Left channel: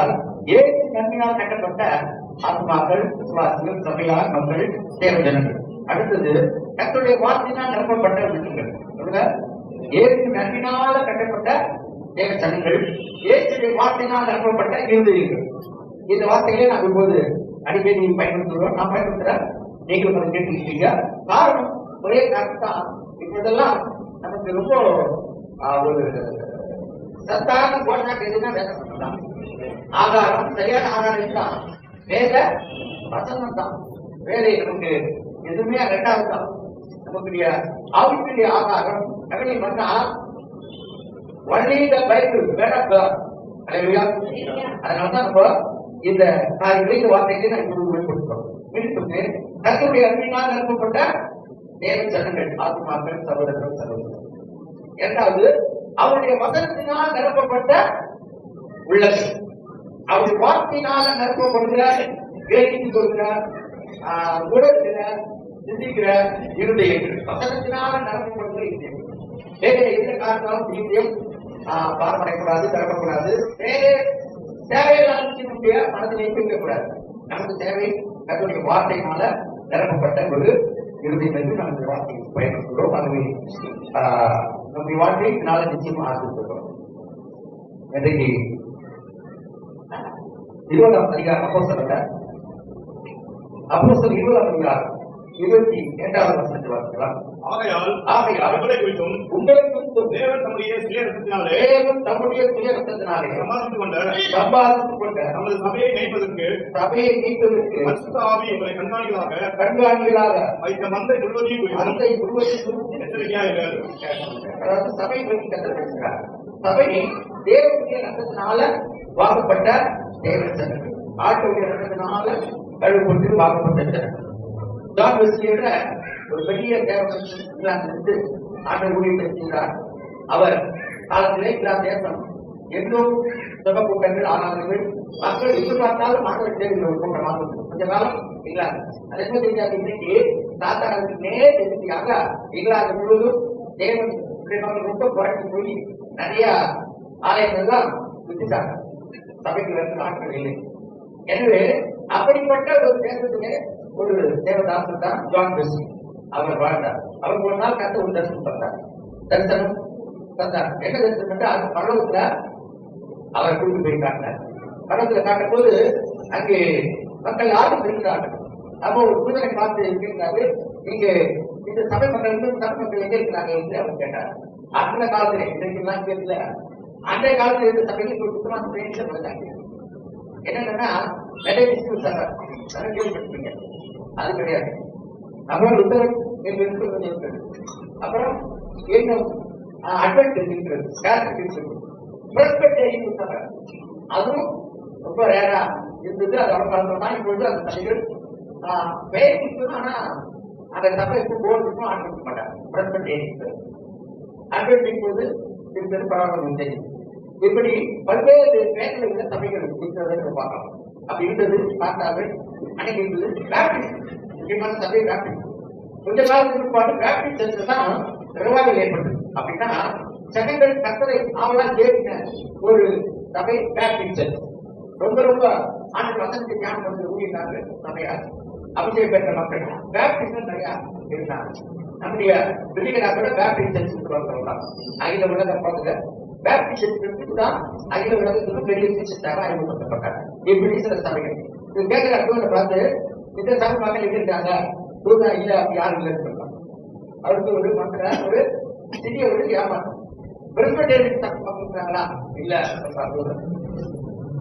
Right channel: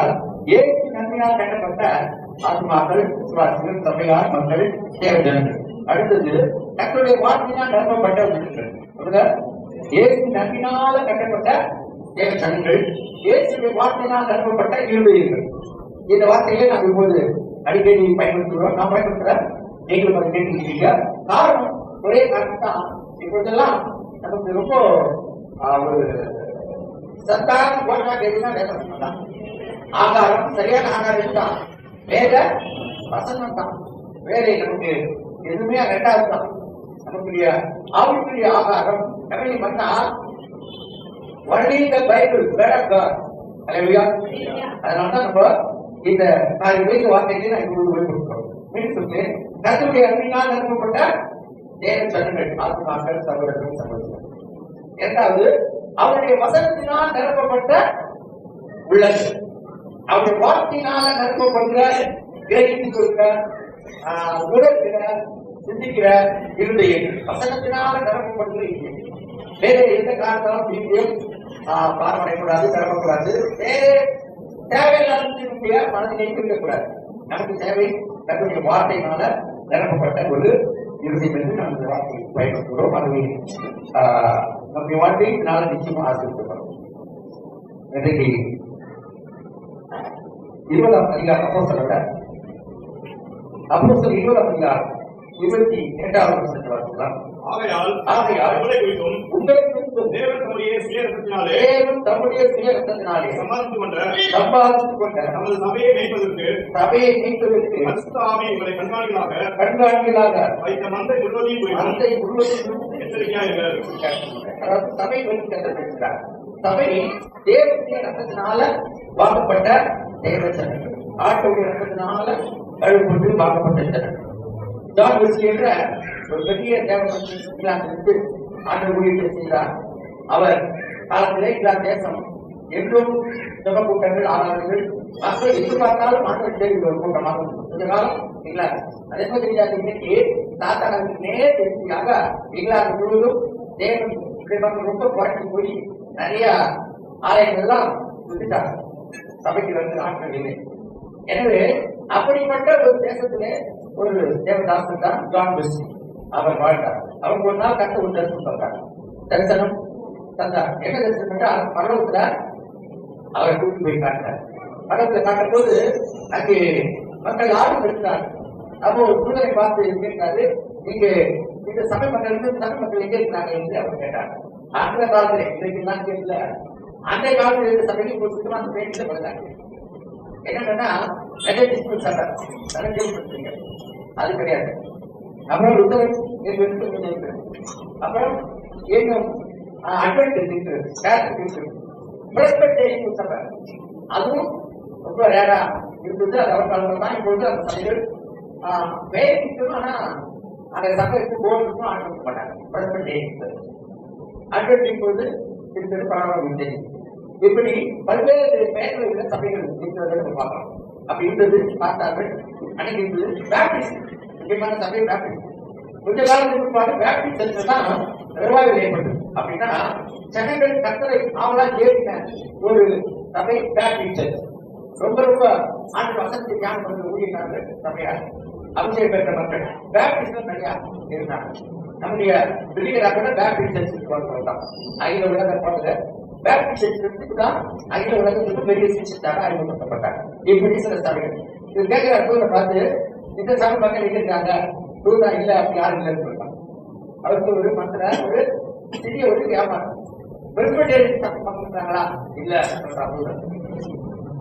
என்றால் ஏற்று நன்மையால் கட்டப்பட்ட ஆத்மாக்கள், விசுவாசிகள், சபையார், மக்கள், தேவஜனங்கள். அடுத்தது கர்த்தருடைய வார்த்தையினால் நிரப்பப்பட்ட உள்ளங்கள். ஏற்று நன்மையினால கட்டப்பட்ட தேவஜனங்கள், இயேசுவின் வார்த்தையினால் நிரப்பப்பட்ட இருதயங்கள். இந்த வார்த்தைகளை நாம் இப்போது அடிக்கடி பயன்படுத்துகிறோம். நாம் பயன்படுத்துற நீங்கள் அதை கேட்டுக்கிட்டீங்க. காரணம் ஒரே காரணம் தான். இப்போதெல்லாம் நமக்கு ரொம்ப ஒரு சத்தான போராட்டம் எதுனா வேதம் தான். ஆகாரம் சரியான ஆகாரம் தான் வேத வசனம் தான். வேற நமக்கு எதுவுமே ரெண்டாவது தான். நமக்குரிய ஆவிக்குரிய ஆகாரம் எப்படி பண்ணா only the Bible word of God. Hallelujah. அதனாலதான் நம்ம இந்த காரியங்களுக்கு வார்த்தைகளை நான் இப்போது வெளிப்படுத்துகிறோம். மீண்டும் கர்த்தருடைய அன்பினால் நிரப்பப்பட்ட தேவ ஜனங்கள், ஆத்மாக்கள், சகோதரர்கள், சகோதரர்கள். இரண்டாவது அவருடைய வசனத்தினால் நிரப்பப்பட்ட உள்ளங்கள். அவருடைய வார்த்தையினால் நிரப்பப்படுகிற, கிரகித்துக் கொள்கிற, உணர்கிற, சிந்திக்கிற இருதயங்கள். வசனத்தினால் நிரப்பப்படுகிற இருதயங்கள். வேற எந்த காரணத்தாலும் இருதயம் பாரமடையக்கூடாது, பெறப்படக்கூடாது. வேற தேவையில்லாத மனதில் இருக்கக்கூடாது. நமக்கு தேவை கர்த்தருடைய வார்த்தையினால நிரப்பப்பட்ட ஒரு இருதயம் என்று நாம் இந்த வார்த்தையை பயன்படுத்துகிறோம். அதுவே நம்முடைய வாழ்க்கையை நாளை நிச்சயமா ஆசிரியப்படுறோம். இன்றைக்கு 20ஆம் அதிகாரம் அப்போஸ்தலர் 20ஆம் அதிகாரம் 22வது வசனத்தை வாசிக்கலாம். ஆகையால் உங்களை குறித்தும் தேவன் தம்முடைய சுய இரத்தத்தினாலே சம்பாதித்துக் கொண்ட நமது சபையை மீட்பதற்கு பரிசுத்த ஆவி எங்களை கண்காணிகளாக வைத்த மந்தை முழுவதையும் எச்சரிக்கையாக. அதாவது சபை பேசுகிறார். சபை தேவனுடைய இரத்தத்தினால வாங்கப்பட்ட தேவச்சனங்கள், ஆட்டுடைய இரத்தத்தினால கழுவப்பட்டு வாங்கப்பட்ட ஜனங்கள். ஜான் வெஸ்லி என்ற ஒரு பெரிய இங்கிலாந்திலிருந்து ஆண்டு ஊழியத்தை செய்கிறார். அவர் காலத்திலே இங்கிலாந்து தேசம் எங்கும் ஜப கூட்டங்கள், ஆராதனைகள், மக்கள் எதிர்பார்த்தாலும் மாணவர் தேர்வுகள் கூட்டமாக கொஞ்ச காலம் இங்கிலாந்து. அதே மாதிரி இன்னைக்கு சாத்தானுக்கு நேர் தெரிஞ்சியாக இங்கிலாந்து முழுவதும் தேவன் ரொம்ப குறைச்சி போய் நிறைய ஆலயங்கள் தான் விட்டுட்டாங்க. சபைக்கு வந்து ஆட்கள் இல்லை. எனவே அப்படிப்பட்ட ஒரு தேசத்திலே ஒரு தேவதாசன் தான் ஜான் வெஸ்லி. அவர் வாழ்ந்தார். அவர் ஒரு நாள் கத்த ஒரு தரிசனம் தந்தார். தரிசனம் தந்தார். என்ன தரிசனம் என்றால் பரலோகத்துல அவர் கூட்டு போய் காட்டினார். பரலோகத்துல காட்டும் போது அங்கே மக்கள் யாரும் இருக்கிறார்கள். அப்போ ஒரு புனிதரை பார்த்து கேட்டாரு, இங்க இந்த சபை மக்கள் சபை மக்கள் எங்க இருக்கிறாங்க என்று அவர் கேட்டார். அந்த காலத்துல இன்றைக்கு கேட்கல, அந்த காலத்துல இருந்த சபைக்கு ஒரு சுத்தமான பேட்டில கொடுத்தாங்க. என்னன்னா சபை கேள்விப்பட்டிருக்கீங்க, அது கிடையாது. அப்புறம் அப்புறம் இன்னும் அதுவும் ரொம்ப ரேரா இருந்தது. அது அவங்க தான் இப்பொழுது அந்த சபைகள் பெயர் நிற்கும். ஆனா அந்த சபை இருக்கும் போர்டு இருக்கும், ஆட்கள் மாட்டாங்க. அட்வர்டைஸ் போது இருக்கிறது பரவாயில்ல தெரியும். இப்படி பல்வேறு பெயர்கள் உள்ள சபைகள் இருக்கிறத பார்க்கலாம். அப்படி இருந்தது பார்த்தார்கள். அன்னைக்கு இருந்தது பேப்டிஸ்ட், முக்கியமான சபை பேப்டிஸ்ட். கொஞ்ச காலத்துக்கு பாடு பேப்டிஸ்ட் தான் ரிவைவல் ஏற்பட்டது. அப்படின்னா ஜனங்கள் கர்த்தரை அவளா கேட்க ஒரு சபை பேப்டிஸ்ட். ரொம்ப ரொம்ப ஆண்டு வசனத்தை தியானம் பண்ற ஊழியர்கள் சபையார் அபிஷேகம் பெற்ற மக்கள் பேப்டிஸ்ட் நிறைய இருந்தாங்க. நம்முடைய வெளியிடா கூட பேப்டிஸ்ட் தான் அகில உலக பார்த்துல பேப்டிஸ்ட் தான் அகில உலகத்துக்கு பெரிய சிகிச்சைக்காக அறிமுகப்படுத்தப்பட்டாங்க. இப்படி சில சபைகள் இது கேட்கிற பார்த்து இந்த சபை மக்கள் இருக்காங்க இல்ல, அப்படி யாரும் இல்லைன்னு சொல்றாங்க. அவருக்கு ஒரு மற்ற ஒரு சிறிய ஒரு வியாபாரம் பிரஸ்பெட்டேரியன் சபை பண்றாங்களா இல்ல,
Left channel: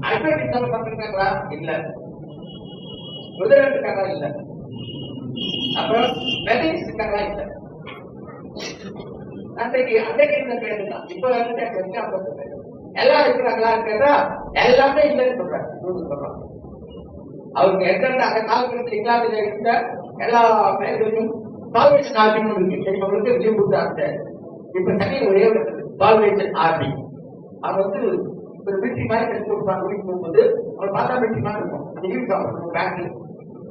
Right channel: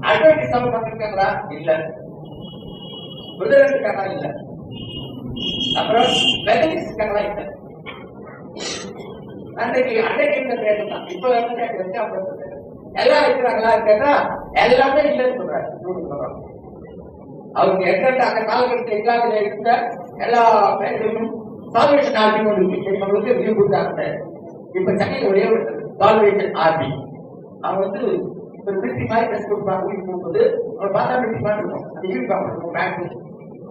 அட்வர்டைஸ் சபை பண்றாங்களா இல்ல, இருக்காங்களா இல்ல, அப்புறம் மெத்தடிஸ்ட் இருக்காங்களா இல்ல. அன்றைக்கு இருந்த பேரு தான் இப்ப வந்து எல்லாம் இருக்கிறாங்களா கேட்டா எல்லாமே இல்லைன்னு சொல்றாங்க. அவங்க எந்த அந்த காலகட்டத்தில் இங்கிலாந்துல இருந்த எல்லா பேர்களும் சால்வேஷன் ஆர்மின்னு ஒன்று விரும்புகிறாங்க. இப்ப சென்னையில் ஒரே சால்வேஷன் ஆர்மி. அவங்க வந்து ஒரு மிலிட்ரி மாதிரி ட்ரெஸ் கொடுப்பாங்க. வீட்டுக்கு போகும்போது அவங்க பார்த்தா மிலிட்ரி மாதிரி இருக்கும். அந்த யூனிஃபார்ம் பேங்க்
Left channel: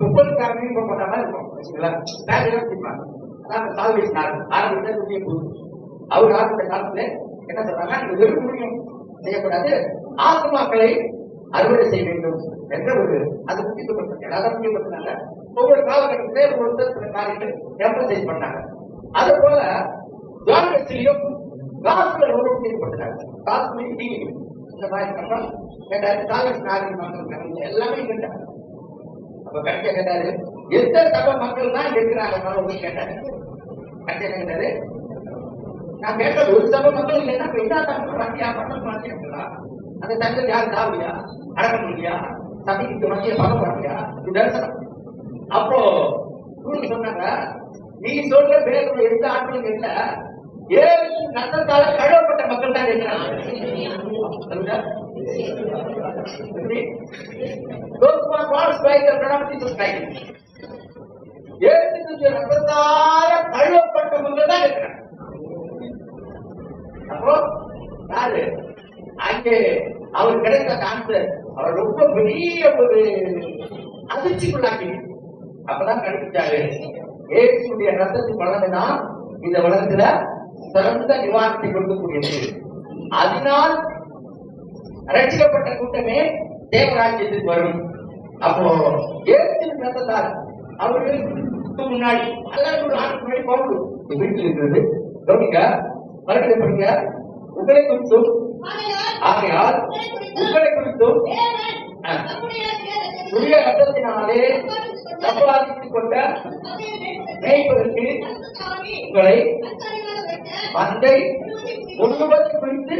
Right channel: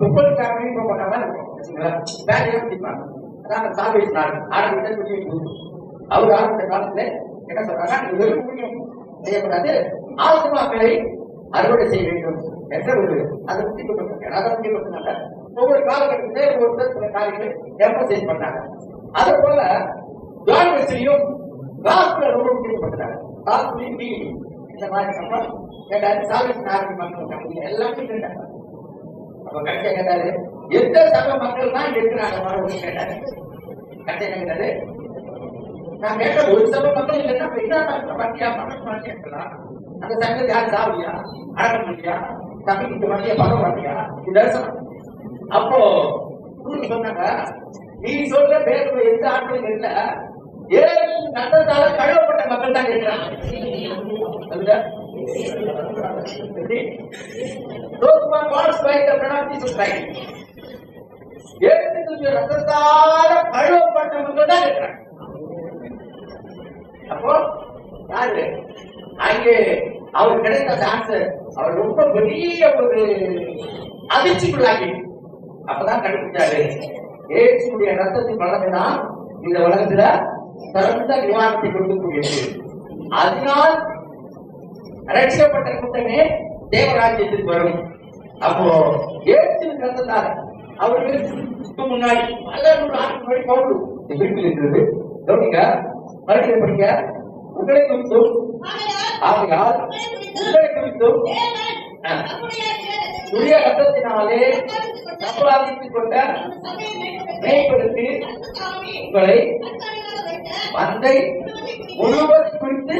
30 யூனிஃபார்ம் பண்ண மாதிரி இருக்கும் வச்சுங்களா. பேங்க் வச்சுப்பாங்க. அதான் சால்வேஷன் ஆர்மி. ஆர்மி புதிய போகுது. அவர் ஆரம்பித்த காலத்துல என்ன சொல்றாங்க, வெறும் ஊழியம் செய்யக்கூடாது, ஆத்மாக்களை அறுவடை செய்ய வேண்டும் என்ற ஒரு அதை முக்கியப்பட்டிருக்காங்க. ஒவ்வொரு காலகட்டத்திலே ஒருத்தர் சில காரியங்கள் எம்பசைஸ் பண்ணாங்க. அது போல ஜான் வெஸ்லியும் காஸ்பிள ரொம்ப முக்கியப்பட்டாங்க. காஸ்பிளையும் டீலிங் இந்த மாதிரி கப்பல் கேட்டாரு. சாகஸ் நாகரிக மக்கள் எல்லாமே கேட்டாங்க. அப்ப கடைசியா கேட்டாரு, எந்த சபை மக்கள் தான் இருக்கிறாங்க கேட்டாரு. கடைசியா கேட்டாரு, நான் கேட்ட ஒரு சபை மக்கள் இல்லைன்னா என்ன வண்டியா பண்ண மாட்டேங்களா? அந்த சங்கத்தில் யாரும் சாவடியா அடக்க முடியா சபைக்கு மத்திய பண்ண மாட்டியா? அப்போ சொன்னாங்க, நீ சொல்ற பேர் எந்த ஆட்களும் இல்ல, ஏழு கட்டத்தால கழுவப்பட்ட மக்கள் தான் இருக்கிறாங்க. ரத்தத்தால கழுவப்பட்ட மக்கள் தான் இருக்கிறாங்க. அப்போ யாரு அங்கே அவர் கிடைத்த சான்ஸ் அவர் ரொம்ப பெரிய ஒரு அதிர்ச்சிக்குள்ளாகி அப்பதான் கண்டுபிடிச்சாரு, இயேசுடைய ரத்தத்தின் வளர்ந்துதான் இந்த வளர்ந்துல சிறந்த நிவாரணத்தை கொடுக்கக்கூடியது. அதனால் ரட்சிக்கப்பட்ட கூட்டமே தேவராஜ்யத்துக்கு வரும். அப்போ இயேசுவின் ரத்தத்தால் அவருக்கு முன்னாடி முன்னாடி போகணும் வீட்டில் இருக்கிறது. கவனிங்க, மறுபடியும் படிங்க. உங்களை குறித்தும் ஆகையால் உங்களை குறித்தும் புதிய ரத்தத்தினாலே சம்பாதித்துக் கொண்ட மேய்ப்பதற்கு உங்களை மந்தை முழுவதும் குறித்து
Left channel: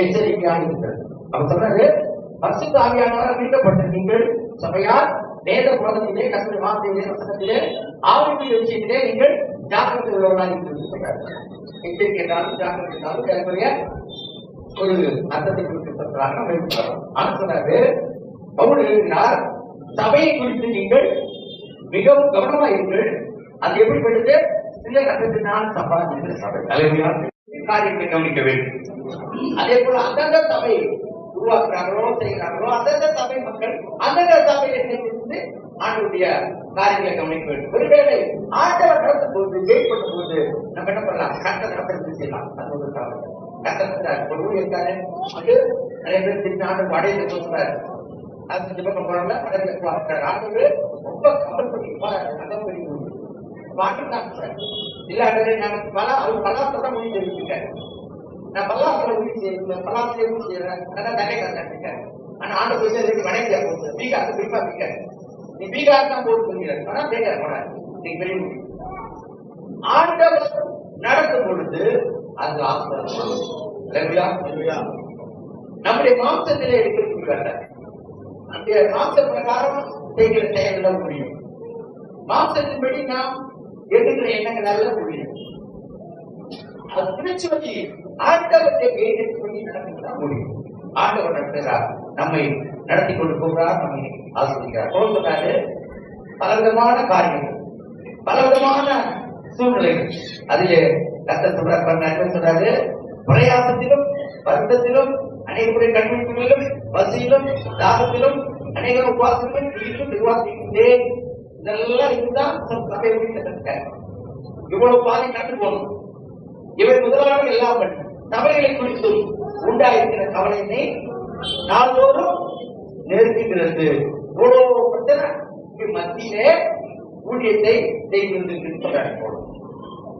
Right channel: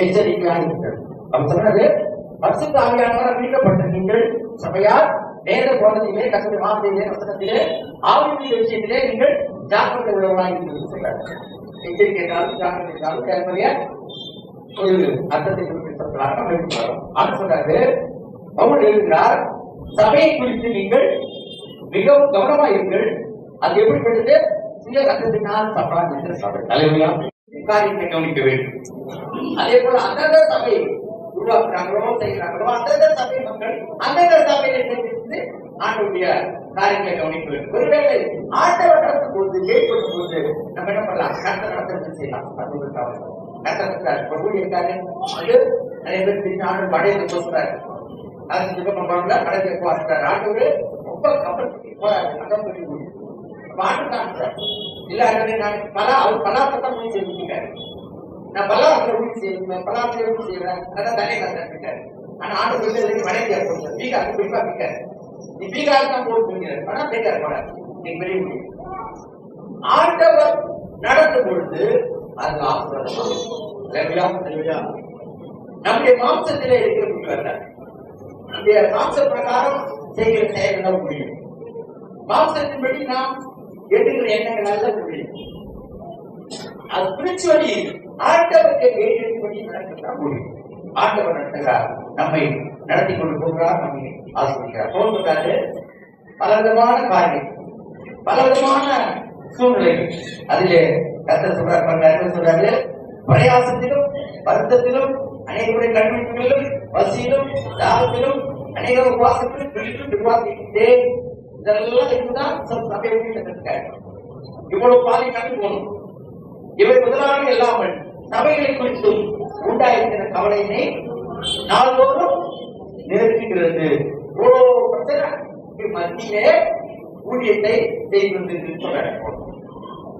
எச்சரிக்கையாக. அவர் சொன்னது, பரிசுத்த ஆவியானவரால் மீட்கப்பட்ட நீங்கள் சபையார் வேத போதத்திலே கர்த்தருடைய வார்த்தையிலே வசனத்திலே ஆவிக்குரிய விஷயத்திலே நீங்கள் ஜாக்கிரதை உள்ளவர்களாக இருக்கிறது சொல்றாரு. எச்சரிக்கை என்றாலும் ஜாக்கிரதை என்றாலும் கேட்கக்கூடிய ஒரு அர்த்தத்தை குறித்து சொல்றாங்க. சொல்றாரு, பவுல் எழுதுகிறார், சபையை குறித்து நீங்கள் மிகவும் கவனமாக இருங்கள். அது எப்படிப்பட்டது? சில ரத்தத்தினால் சம்பாதித்த சபை காரியத்தை கவனிக்க வேண்டும். அதே போல அந்தந்த சபை உருவாக்குறாங்களோ செய்கிறாங்களோ அந்தந்த சபை மக்கள் அந்தந்த சபையிலிருந்து ஆண்டுடைய காரியங்களை கவனிக்க வேண்டும். ஒருவேளை ஆண்டவர் நடத்தும் போது ஜெயிப்படும் போது நம்ம என்ன பண்ணலாம்? கர்த்தர் நடத்துறது செய்யலாம். ஊழியக்காரு நிறைய பேர் திரும்பி ஆண்டு அடையை சொல்றாரு. அது ஜெபம் பண்றாங்க, அடையை பார்க்கிறார். ஆண்டு ரொம்ப கவனம் பண்ணி அதான் பண்ணி இல்ல அவர் பலாசத்தான் முடிவு செய்திருக்காரு. நான் பலாசத்தை உறுதி செய்யறேன், பலாசத்தை உறுதி செய்யறேன். அதான் தனியை கற்றுக்கிட்டேன். ஆனா ஆண்டு சொல்லி வடக்கியா போச்சு பீகாருக்கு குறிப்பா பிக்காரு. நீ பீகாருக்கு தான் போட்டு சொல்கிறார். ஆனா பீகார் போட நீ வெளியே ஆண்டவர் நடத்தும் பொழுது அது நம்முடைய மாம்சத்திலே இருக்கிறது. நம்முடைய மாம்ச பிரகாரம் செய்கிற செயல்கள் முடியும். மாம்சத்தின்படி நாம் எண்ணுகிற எண்ணங்கள் நல்ல முடியும். அது பிரிச்சுவலி ஆண்டவருடைய கையின்படி நடத்துகிறதா முடியும். ஆண்டவர் நடத்துகிறார், நம்மை நடத்தி கொண்டு போகிறார், நம்மை ஆசிரியார். சொல்றாரு, பலவிதமான காரியங்கள், பலவிதமான சூழ்நிலைகள். அதிலே கர்த்தர் சொல்றாரு, பிரயாசத்திலும் வருத்தத்திலும் அனைவருடைய கண்மணிகளிலும் பசியிலும் தாகத்திலும் அநேக உபவாசத்திலும் துணிக்கும் விவாதிக்கின்றேன். இதெல்லாம் இதுதான் சபை கற்றுக்கிட்டார். இவ்வளவு பாதி கண்டு போகணும். இவை முதலாக இல்லாமல் சபைகளை குறித்தும் உண்டாயிருக்கிற கவலையினை நாள்தோறும் நிறுத்துகிறது. இவ்வளவு பிரச்சனை மத்தியிலே ஊழியத்தை செய்து வந்திருக்கிறது.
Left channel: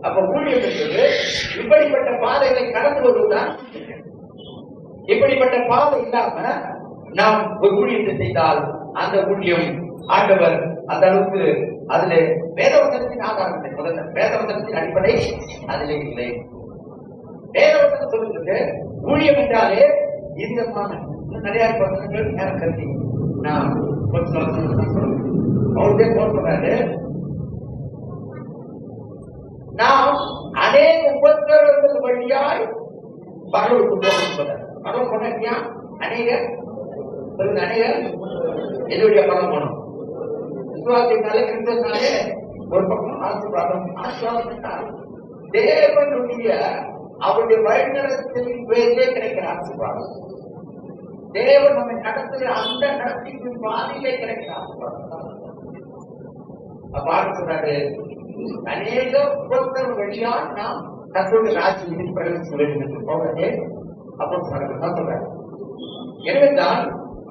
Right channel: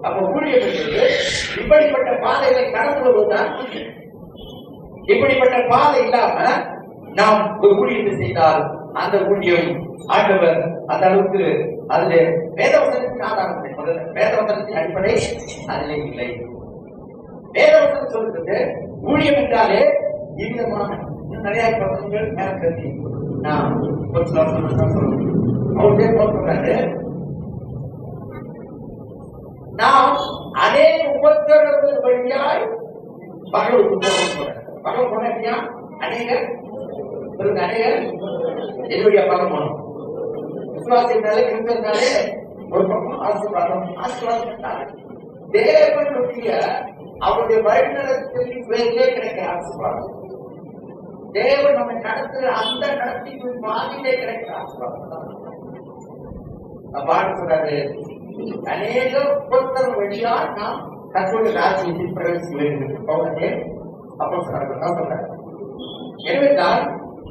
அப்ப ஊழியம் என்பது இப்படிப்பட்ட பாதைகளை கடந்து வருவதுதான். இப்படிப்பட்ட பாதை இல்லாம நாம் ஒரு ஊழியத்தை செய்தால் அந்த ஊழியம் ஆண்டவர் அந்த அளவுக்கு அதுல வேதவசனத்தின் ஆதாரம் இல்லை. முதல்ல வேதவசனத்தின் அடிப்படை அதிலே இல்லை. வேதவசனம் சொல்றது ஊழியம் என்றாலே இவ்விதமான நிறைய வசனங்கள் நேரம் கருதி நாம் அவருடைய போடுறாரு. நாம் அநேக உபத்திரவங்கள் வழியாய் பகலுக்கு போகணும். பகல் போனா அநேக என்னுடைய பகல் போனோம். விசுவாசினாலே கிறிஸ்தவனாலே ஒரு பக்கம் ஆசீர்வாதம். ஆசீர்வாதம் தேவனுடைய அவருடைய வழிநடத்தலின் பேரிலே கிடைக்கிற ஆசீர்வாதம். தேவன் நம்மை நடத்துகிற அந்த நடத்திக்கு பாதையிலே கிடைக்கிற ஆசீர்வாதம். பாட்டு சொல்றாரு, அநேக உபத்திரவ வழியா நாம் கர்த்தருடைய ராஜ்யத்தில் பிரவேசிக்க வேண்டும் என்று பவுலே அப்போ சொல்றாரு. எனவே தான்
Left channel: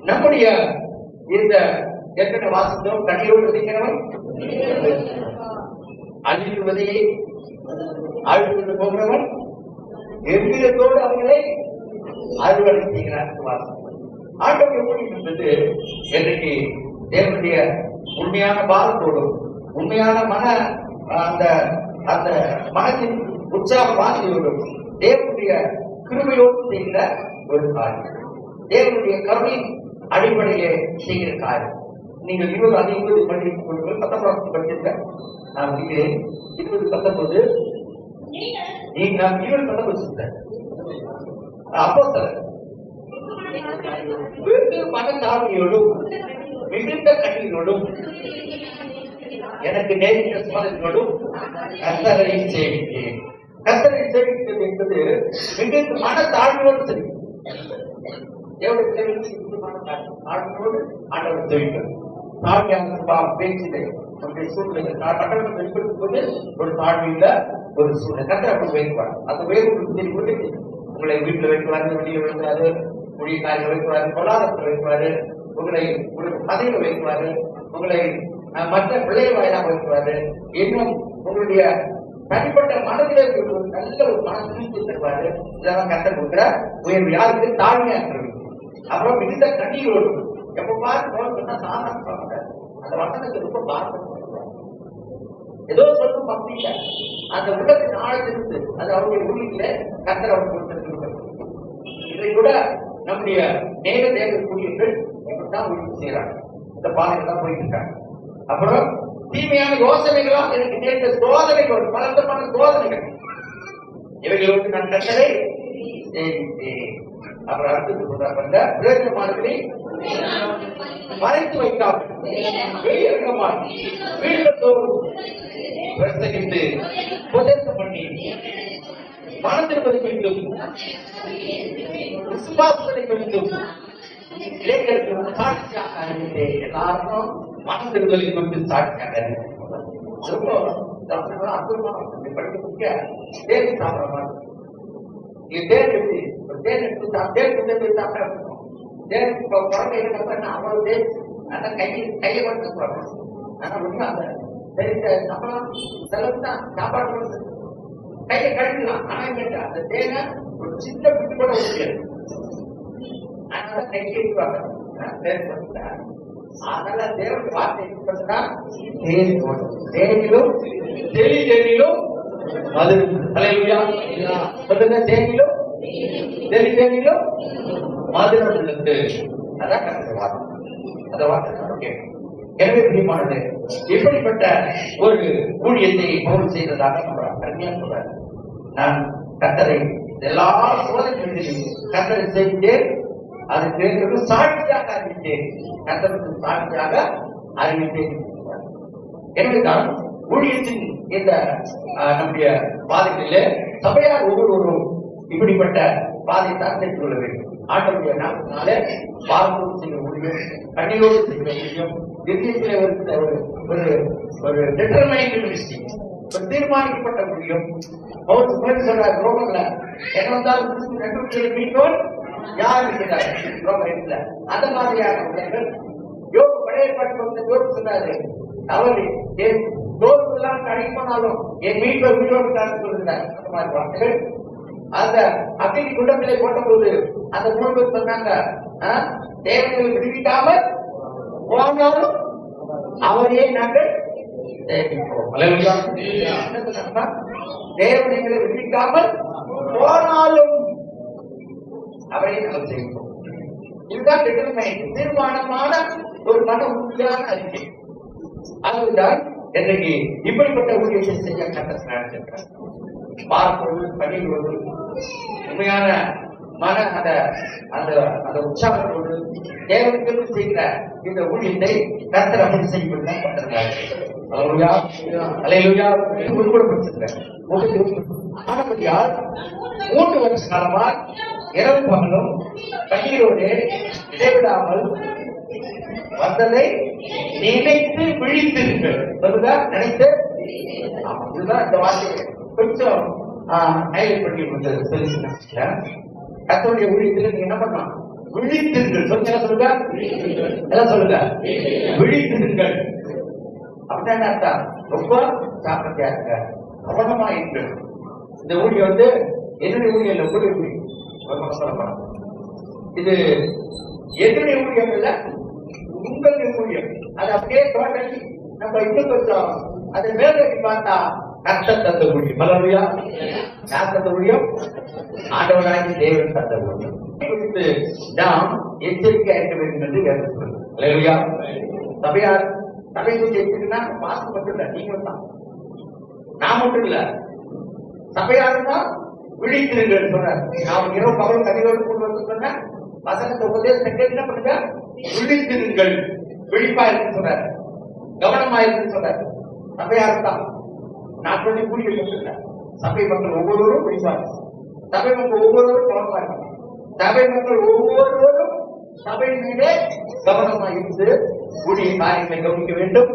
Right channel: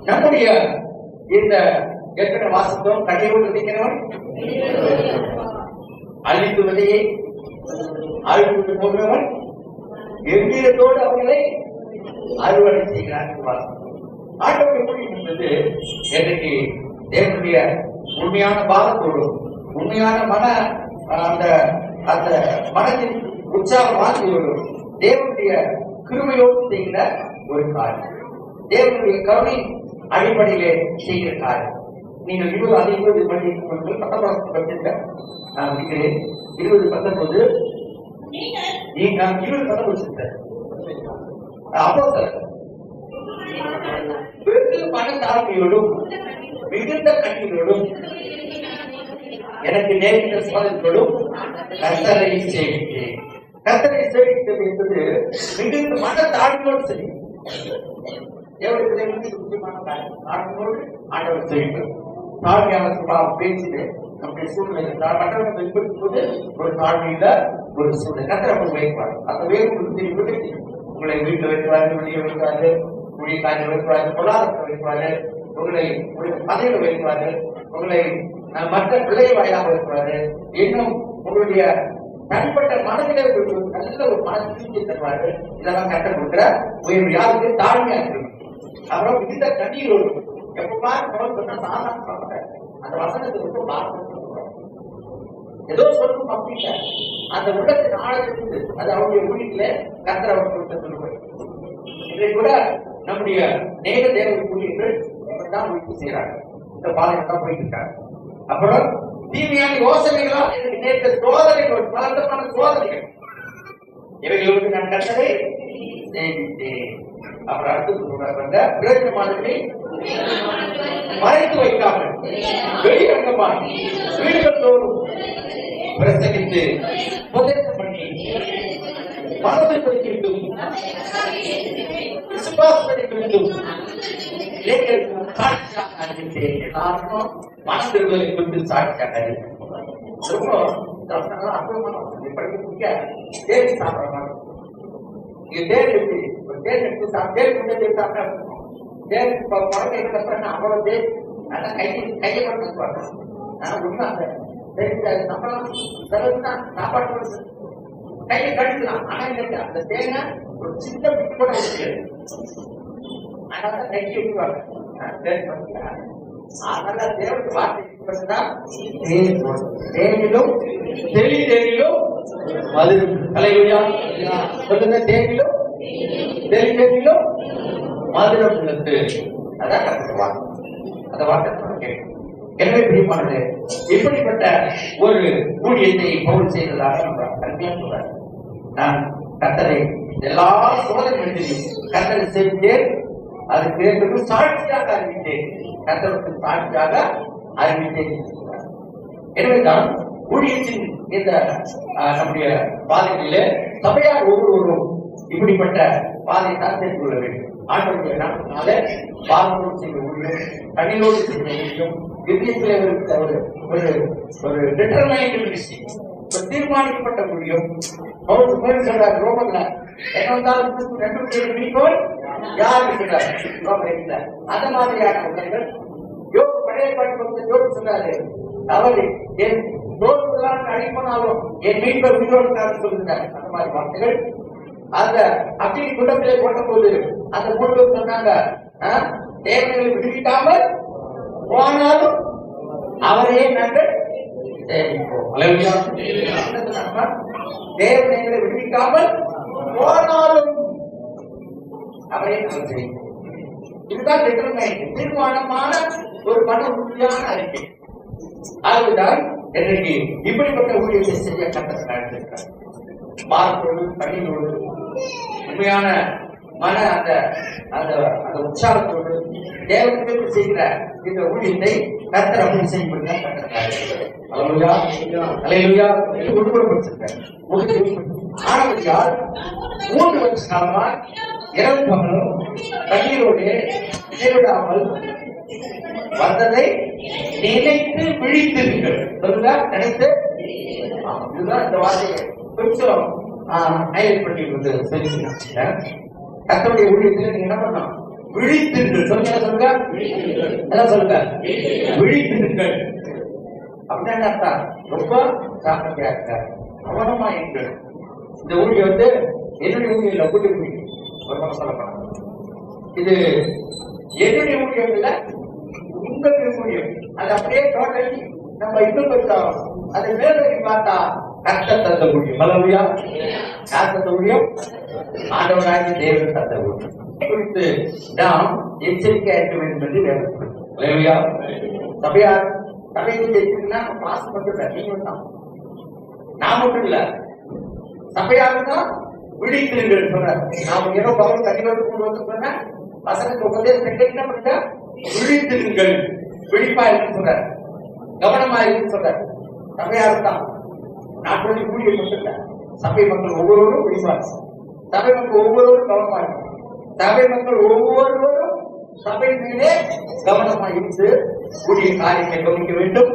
நம்முடைய இந்த ஏற்கனவே வாசத்தோம் கண்ணீரோடு இருக்கிறவன் அழித்து விதையை அழுத்து போகிறவன் எவ்விதத்தோடு அவர்களை அறுவடை செய்கிறார். ஆண்டவர்கள் என்பது எனக்கு தேவனுடைய உண்மையான பாரத்தோடும் உண்மையான அந்த அந்த மனத்தின் உற்சாகமானதோடும் தேவனுடைய கிருபையோடு செய்கிற ஒரு காரியம், தேவனுடைய கருணை அடிப்படையிலே செய்கிற காரியம். நீங்கள் 20 படிக்கிறீர்கள், 19 படிச்சிருக்க நான் இருக்கிறேன். 20-19 அப்போ வெகு மனத்தாழ்மையோடும் மிகுந்த கண்ணீரோடும் எனக்கு நேரிட்ட சோதனைகளோடும் கர்த்தரை சேவித்தேன். கர்த்தரை சேவித்தது என்பது மிகுந்த மனத்தாழ்மையோடு செய்யும். ஆழ்மையோடு ஆண்டவர் சேவிக்கிறது. தாழ்மையான சுபாவம் பேச்சிலே நம்முடைய சூழ்நிலை வெளிப்படுத்தும்போது ஒரு தாழ்மையில ஒரு சூழ்நிலை கர்த்தரை வைப்பார். அந்த வேறு உங்களை வீட்டில் வைக்கிறாரு, வெளியே வைக்கிறாரு, ஊழியக்காரர்கள் வைக்கிறாரு, பொருளாதாரத்தில் வைக்கிறாரு, உங்களை பதவியில் வைக்கிறாரு, உங்களை மற்ற பிள்ளைய வாயிலாக வைக்கிறாரு. இன்னும் உங்களுடைய தனிப்பட்ட மனதிலே நல்ல ஒரு மனசு தருவாரு. இதெல்லாம் கர்த்தர் கொடுக்கிற உயர்வு. யாருக்கு? தாழ்மையா இருக்கிறது. அப்புறம் மிகுந்த கண்ணீரோடு எப்ப சொன்னா சாதாரண அந்த வசனத்தை ரொம்ப பாரம் ஏதோ சொல்லும் அப்படிங்க அந்த உள்ளத்தின் ஆழத்திலிருந்து அது அவருடைய ஊழியத்தில கர்த்தர் அவர் கொடுத்திருக்கிறார். இதை கூட நம்முடைய நேர தேவ ஊழியர்கள் இப்படிதான் ஊழியம் செய்யறாங்க. இந்த பாதையில தான் போயிட்டு இருக்காங்க. அப்புறம் தீமையான யோசனைகளா எனக்கு நேர்ந்த சோதனைகள், பலவிதமான சோதனைகள், இவைகளுக்கு நான் கர்த்தரை சேவித்தேன். அப்புறம் அடுத்து சொல்றாங்க, பிரயோஜனமானவர்களை மறைத்து வைக்காமல் வெளியரங்கமாக வீடுகள் தோறும் பிரசங்கித்து உபதேசம் பண்ணி மனதில் பதிக்கின்றும் விசுவாசத்தை குறித்தும் இளைஞர்களுக்கு சாட்சியாக அறிவித்தேன். எல்லாருக்கும் மனதிருவதை குறித்து சாட்சியாக அறிவித்தேன். ரொம்ப அற்புதமான படிக்க முக்கிய தேவி சாப்பிடறாங்க. இங்க தேர் எப்படி தேர் எடுத்து தேர் சாப்பிட்டா தேர் குழந்தை என்ன அவ்வளவு தேர் ஆனா கையை மட்டும் உண்மை அந்த சம்பளம் செலவு தான் சாப்பாடு கையை கழிக்கலாம். ஆனா அந்த தேனை ஒரு சின்ன விட்டு கூட முடியாது. அதனால கையை எடுப்பாங்க. அதனால தேவனுடைய வார்த்தை தேனிலும் தெளிதேனிலும் மது தலைவலியா சொல்லுங்க. தேனிலும் தெளிதேனிலும் மதுரம் உள்ளது. அதான் வார்த்தை. அந்த வார்த்தை நமக்கு எனவே பிரியமானது இப்படிப்பட்ட ஒரு ஊழியத்தை பவுல் செய்ததாக கல்வியாக சொல்றார். நான் கர்த்தரை எல்லா சோதனைகளிலும் கர்த்தரை செய்தேன், அதுக்கு சாட்சியாக அறிவித்தேன், கர்த்தருக்கு சாட்சியாக அறிவித்தேன். எனவேதான் ஊழியத்தின் இந்த நம்முடைய பாதைகளிலே சபையார் ஒவ்வொருவரும் இப்படிப்பட்ட பாதை தான் தெரிந்து கொள்ள வேண்டும். ஆண்டவருடைய நாமத்தினாலே பாரம்பரியம் செய்ய முடியும், கண்ணீரோடு செய்ய முடியும். ஒரு தீர்மானிக்கப்பட்ட முடியும். சொல்றார் ரோமன்ல என்ன வந்தாலும் மீட்போர் யார் இருக்கிறார் அந்த மாதிரியான உள்ளவர்கள். யோகு பழைய பாட்டு யோகு சொன்னாரு, அவரு என் தோல்விதான் அடிப்போனாலும் என் மீட்பர் உயிரோடு சொல்லுகிறார். அந்த மாதிரி வார்த்தைகள் அந்த அக்கினி குண்டத்திலே போட்ட போது அந்த 3 பேர் சொன்னாங்க, தேவனை விடுவிக்காமல் போனாலும் அவரையே நாங்கள் சேவிப்போம். தேவனை விடுவிக்காமல் போனாலும் அவரை நாங்கள் சேவிப்போம். இதுதான் தீர்மானமான ஒரு மன உறுதியான அறிக்கை. அதுதான் இன்றைக்கு இப்படிப்பட்ட ஊழியத்தை செய்ய கண்டிருக்கிறார். மார்க்கோடு கண்ணீரோடு உண்மையான மன அந்த உற்சாகத்தோடு தேவனுக்கு செய்கிற இந்த ஊழியத்தை கர்த்தர் அப்படி செய்யும்படிதான் கண்டிருக்கிறார். ஆனபடியால் 3 வருஷ காலமா இரவு பகலும் கண்ணீரோடு இடைவிடாமல் வந்ததை நினைத்து விழித்திருங்கள். நினைத்து இதுதான் இந்த வார்த்தையை கொஞ்சம் நயல் பண்ணி கர்த்தருடைய ஊழியத்தில் நீங்க என்ன பண்ணணும்? விழித்திருங்கள். சொல்லுங்க எல்லாம் சொல்லுங்க. விழித்திருங்கள் அப்படின்னா அர்த்தம் ரொம்ப சாப்பிட்டாங்க, கவனமா இருக்கு. இந்த ஊழியம் வந்து என்னுடைய ஊழியம் இல்ல, ஊழிய ஊழியம். இது என்னுடைய ஊழியம் இல்ல, உங்களுடைய ஊழியம். அது அப்படியே டோட்டலி நம்ம இன்னும் கொஞ்சம் அதை மேலோக்கி பார்த்தா கர்த்தர் தந்த ஊழியம். மலர்வியா யார் தந்த ஊழியம்? ஆண்டவராகி தேவன் தந்த ஊழியம் குறித்து நாம் எச்சரிக்கையா இருக்க வேண்டும் என்று வேதம் சொல்லுங்க. சபையார் சபை எச்சரிக்கைன்னா பாசம் மட்டும் இல்ல, நீங்களும் தான், நான் மட்டும் இல்ல, சபையாரும் தான் விழித்திருங்கள் சொன்னார். நாம் இரவு பகல் கனிவோடு கொண்டு வந்து சொன்ன வசனத்து உபதேசத்தை என்ன பண்ணுங்க? விழித்திருங்கள், விழிப்பா இருக்கு சொல்றார், கவனமா இருக்கு சொல்றார். சபையாரும் தான், நான் சொல்லி கூடிய மட்டும் இல்ல, சபை மக்கள் ஒவ்வொருவரும் விழிப்பார், சபை மக்கள் ஒவ்வொருவரும் கவனமா இருக்கும், சபை மக்கள் ஒவ்வொருவரும் சபை மீதே கவனமா இருந்து கூடிய காரியத்தை கவனிக்க வேண்டும்.